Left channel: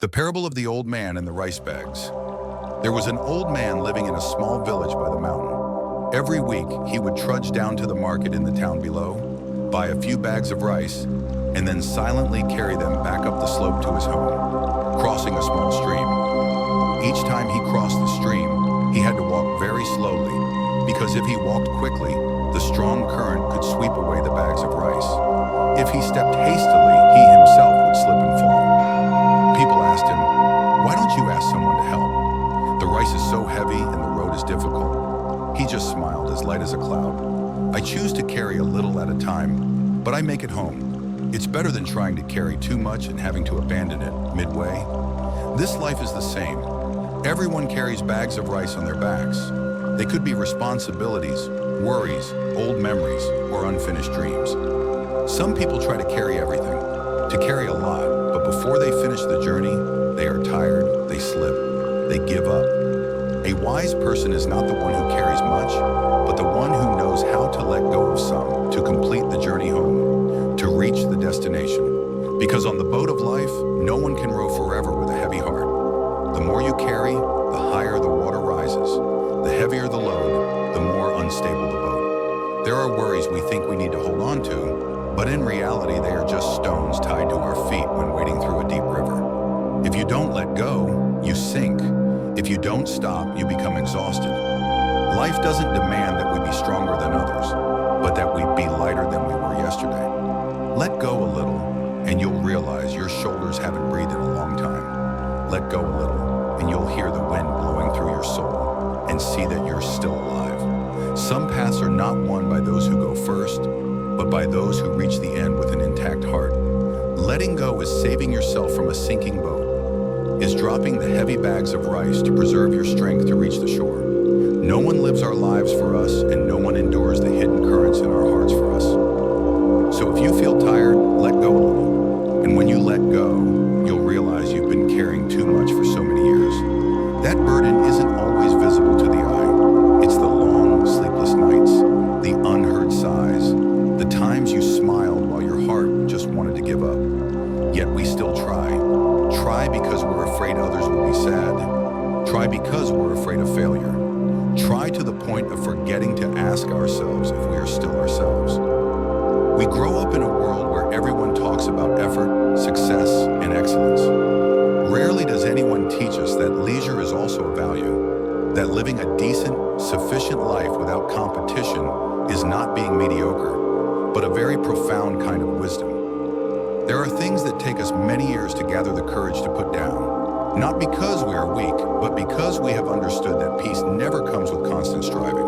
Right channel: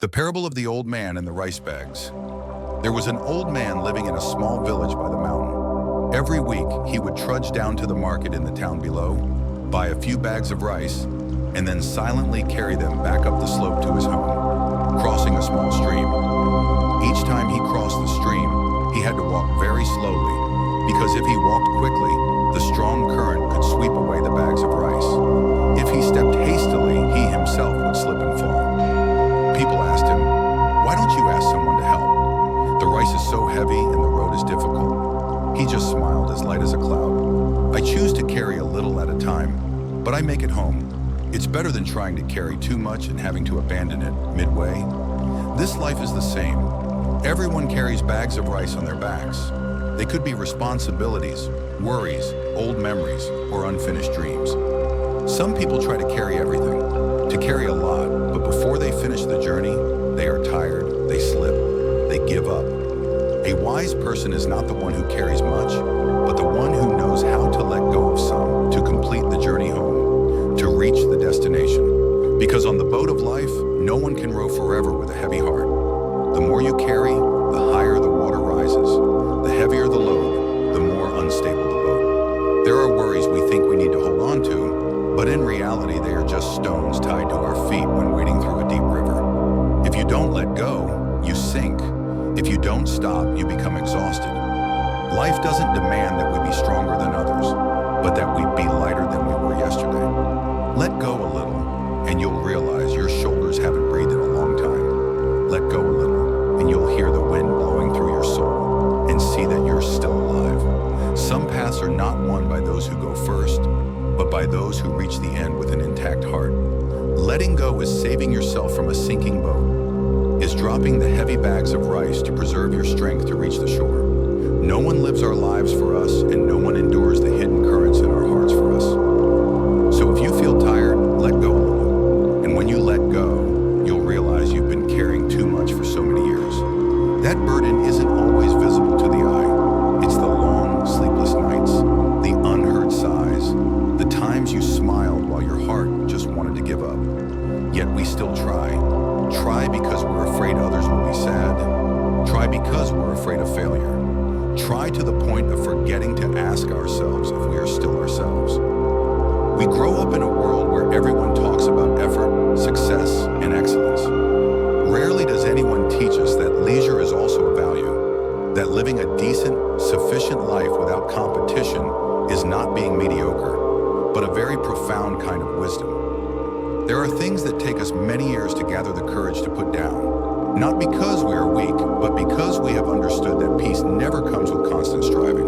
The parable of the old man and the rice bags. There was an old man living in a small village by the mountain. Every week, he would trudge down to the market in the town below, buy a few bags of rice, and then silently carry them back up the slope to his home, crossing a small stream. Each time he crossed the stream, he had to walk very slowly, because if he walked quickly, the strong current could sweep away the bags of rice. If he stepped hastily, he himself would slip and fall. People asked him, "Why don't you ask someone to help? The rice is so heavy and the road is difficult." He just smiled, as light as a cloud. "I choose to carry a little at a time, but I make it home. It's better than trying to carry too much and having to abandon it midway." This life is the same. Everyone carries bags of rice on their backs. They could be responsibilities, worries, old memories, or unfinished dreams. Some people try to carry everything, to carry a lot, but before they finish the journey, they are tired, they slip, they give up. A wise person is not the one who carries much, but the one who knows how to let go of some to complete the journey home, to reach the destination. Because on the boat of life, no one can row forever with a heavy heart. The more you carry, the higher the water rises. The heavier the load, the more unstable the boat. There are worries we think we need to hold on to, but in reality, they are just stones tied to our feet when wading through a deep river. If you don't let go, you sink. If you don't stop, you become exhausted. Life doesn't demand that we be stronger than others, but that we be lighter than we were yesterday. Let go a little, and you'll realize your shoulders haven't breathed in a long time. Let go a little, and you'll hear the wind blowing through your soul and see that you're still alive. Some paths are not won by those who go first, but by those who reach the end with an intact heart. Letting go is saving yourself from a sinking boat, is dropping the heavy bags of rice to preserve your strength to reach the shore. No one lives our lives for us, and no one endures the hidden currents in our hearts for us. So if you feel tired, let go a little. And when you let go, you'll realize you've been carrying too much for so many years. That burden isn't always visible to the eye. It's the long, sleepless nights, the unheard sighs, the times you smiled while your heart just wanted to give up. Yet we still try. Try because we're afraid others will be sad. Try because we're afraid of failure. Try to the point of forgetting to ask ourselves if we are still ourselves. We grow up in a world where everyone talks about effort, success, and excellence. Rarely does anyone teach us that leisure is also a value, that living a decent, sufficient life without competition is not being mediocre, but a very profound kind of wisdom. There are things that take us many years to gather the courage to put down, not because we are weak, but because we have understood that peace never comes with constant striving.